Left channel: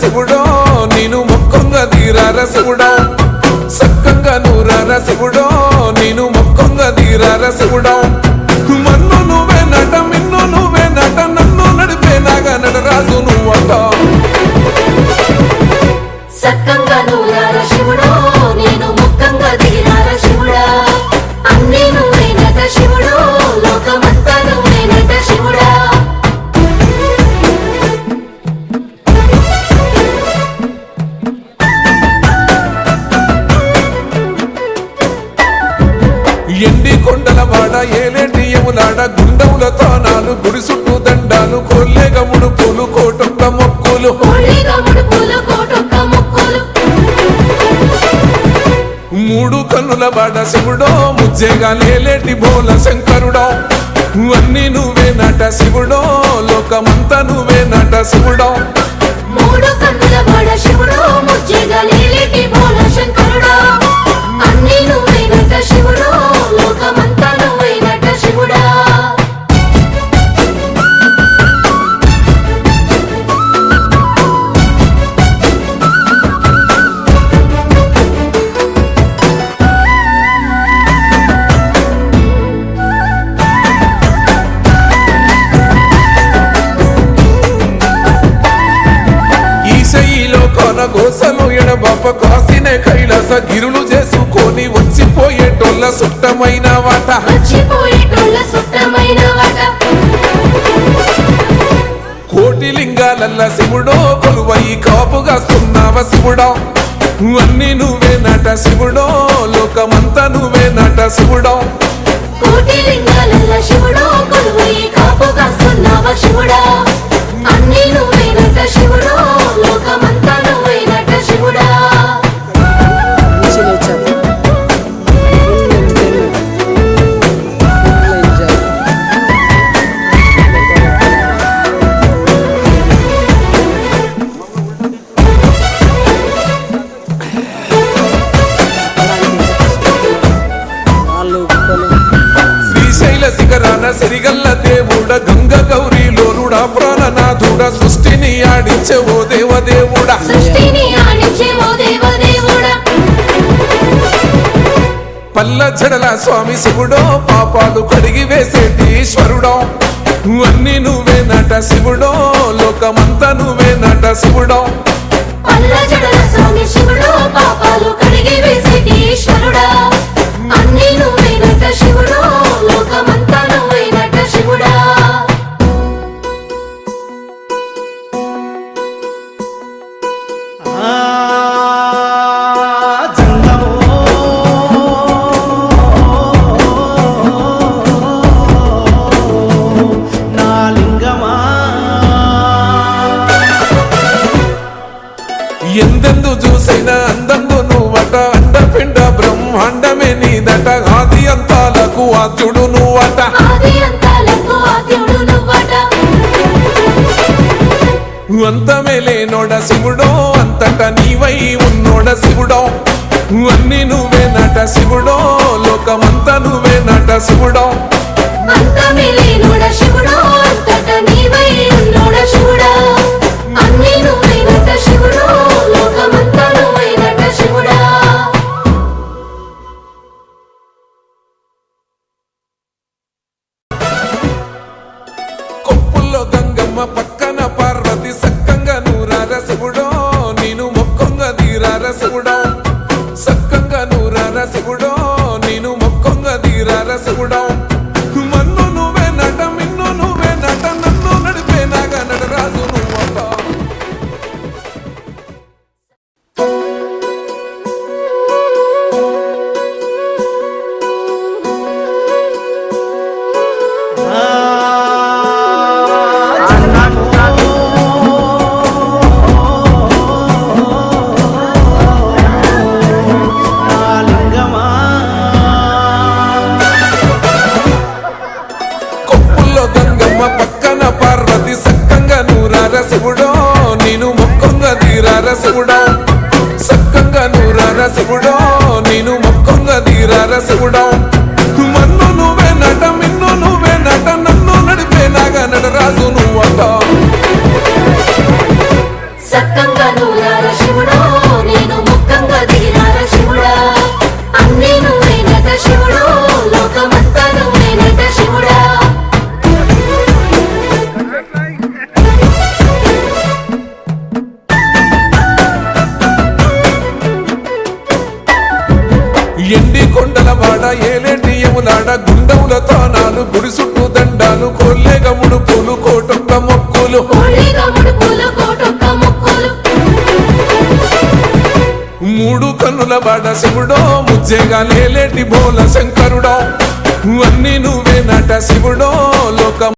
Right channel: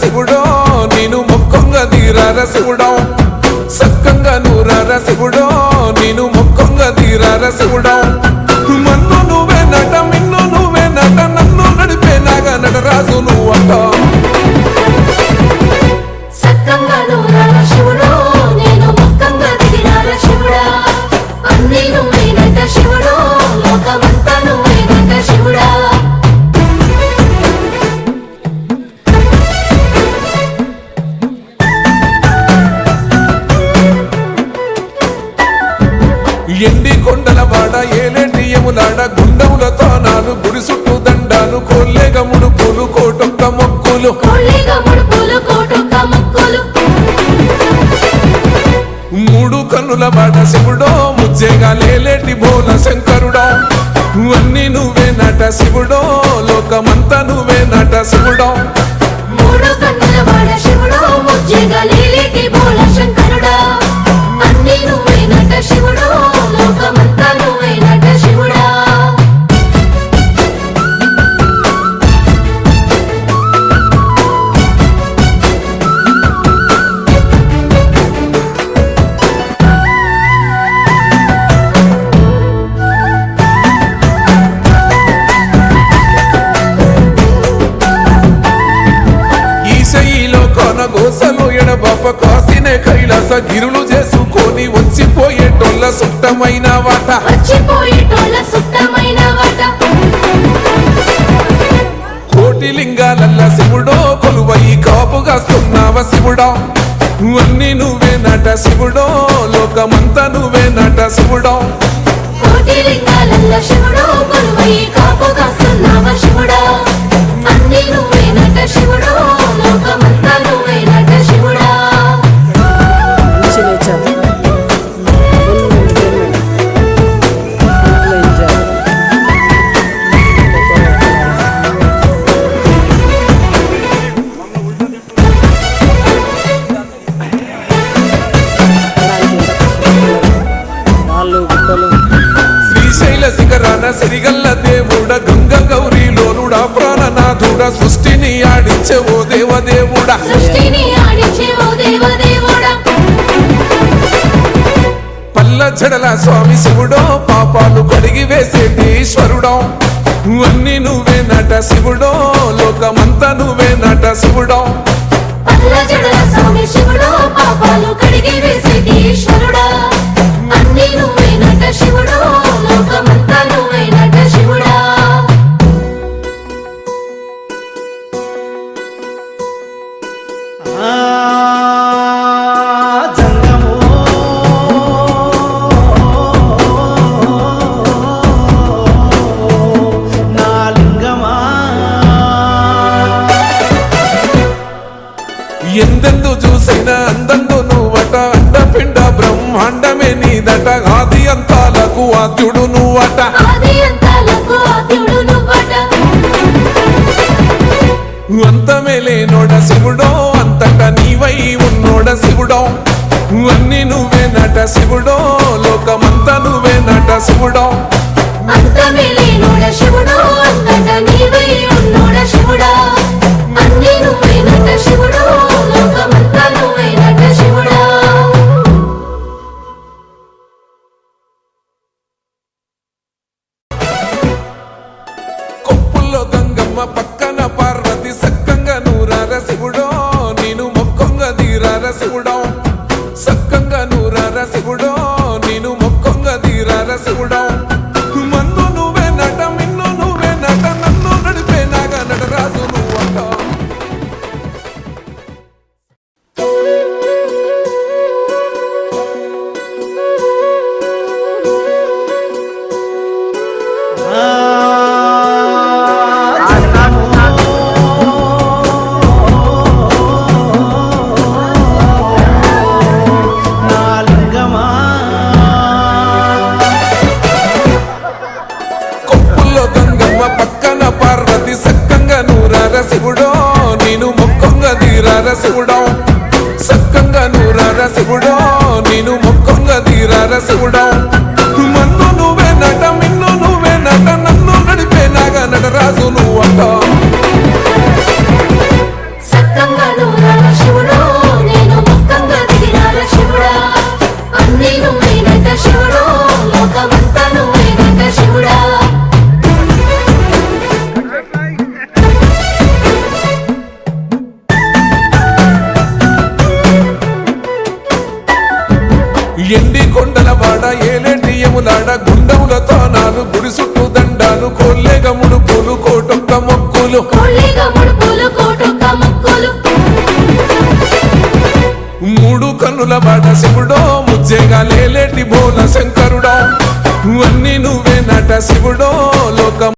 శివుడో నేను మొక్కంగా తీరార శివుడో సక్కంగా నూరార శివుడో నేను మొక్కంగా తీరార శివుడో మన్ను నువ్వే నట మిన్ను నువ్వే నట నన్ను నడిపే నాగా నటరాజు నువ్వట సక్కంగా నూరార శివుడో నేను మొక్కంగా తీరార శివుడా అన్నీ నువ్వే నట శివుడో లోకమంతా నువ్వే నట శివుడా ఎండి కొండల వాడ ఏలేటి యములాడ గుండములతో నాలు గుడి చుట్టూ దండాలు కొల్లేగ ముడుపులు కోటొక్క మొక్కులు మూడు కన్నుల వాడ శివుడో ముజ్జేగా లేలేటి బోల శంకరుడో అన్నీ నువ్వే నట శివుడో లోకమంతా నువ్వే నట శివుడో మూడు కన్నుల వాడ శివుడో ముజ్జేగా లేలేటి బోల శంకరుడో అన్నీ నువ్వే నట శివుడో లోకమంతా నువ్వే నట శివుడా ఈశయిలో కొన గోసలు ఎడబాప కాసినే కైలాస గిరులు చేసుకొని వచ్చిపోయేటోళ్ళ సుట్టమైన వాట కోటి లింగాలల్ల శివుడో కొలువయి కాపుగాస్తున్నావ శివుడో అన్నీ నువ్వే నట శివుడో లోకమంతా నువ్వే నట శివుడో కోటి లింగాలల్ల శివుడో కొలువయి కాపుగాస్తున్నావ శివుడా అన్నీ నువ్వే నట శివుడో లోకమంతా నువ్వే నట శివుడా మంచి nature full entertainment full enjoy రాళ్ళు గుట్టలు శ్రీశైల శిఖరాన సిరిగల్ల దేవుడ గంగ గౌరీ లోలుడా ప్రాణనాథుడ సృష్టిని ఆడించే ఓ దేవదేవుడా పల్ల జడల స్వామి శివుడో పాపాలు కడిగి వేసేటి ఈశ్వరుడో అన్నీ నువ్వే నట శివుడో లోకమంతా నువ్వే నట శివుడో పల్ల జడల స్వామి శివుడో పాపాలు కడిగి వేసేటి ఈశ్వరుడా అన్నీ నువ్వే నట శివుడో లోకమంతా నువ్వే నట శివుడా జంగమో నా లింగమా ఎందెందు చూసైనా అందందు నువ్వట అండపిండ బ్రహ్మాండమే నీదట ఆది అంతాలకు ఆద్యుడు నువ్వట ఆది అంతాలకు ఆద్యుడు నువ్వట అంతమే లేనోడ శివుడో అంతట నీవై ఉన్నోడ శివుడో అన్నీ నువ్వే నట శివుడో లోకమంతా నువ్వే నట శివుడో అంతమే లేనోడ శివుడో అంతట నీవై ఉన్నోడ శివుడా అన్నీ నువ్వే నట శివుడో లోకమంతా నువ్వే నట శివుడా కొప్పుల్లో గంగమ్మ పక్కన పార్వతి సక్కంగా నూరార శివుడో నేను మొక్కంగా తీరార శివుడో సక్కంగా నూరార శివుడో నేను మొక్కంగా తీరార శివుడో మన్ను నువ్వే నట మిన్ను నువ్వే నట నన్ను నడిపే నాగా నటరాజు నువ్వట జంగమో నా లింగమా కొప్పుల్లో గంగమ్మ పక్కన పార్వతి సక్కంగా నూరార శివుడో నేను మొక్కంగా తీరార శివుడో సక్కంగా నూరార శివుడో నేను మొక్కంగా తీరార శివుడో మన్ను నువ్వే నట మిన్ను నువ్వే నట నన్ను నడిపే నాగా నటరాజు నువ్వట సక్కంగా నూరార శివుడో నేను మొక్కంగా దిగినార శివుడా అన్నీ నువ్వేనట శివుడో లోకమంతా నువ్వేనట శివుడా ఎండి కొండల వాడ ఏలేటి యములాడ గుండములతో నాలు గుడి చుట్టూ దండాలు కోల్లేగ ముడుపులు కోటొక్క మొక్కులు కోళ్ళిగా ముడుపులు కోటొక్క మొక్కులు మూడు కన్నుల వాడ శివుడో ముజ్జేగా లేలేటి బోల శంకరుడో అన్నీ నువ్వే నట శివుడో లోకం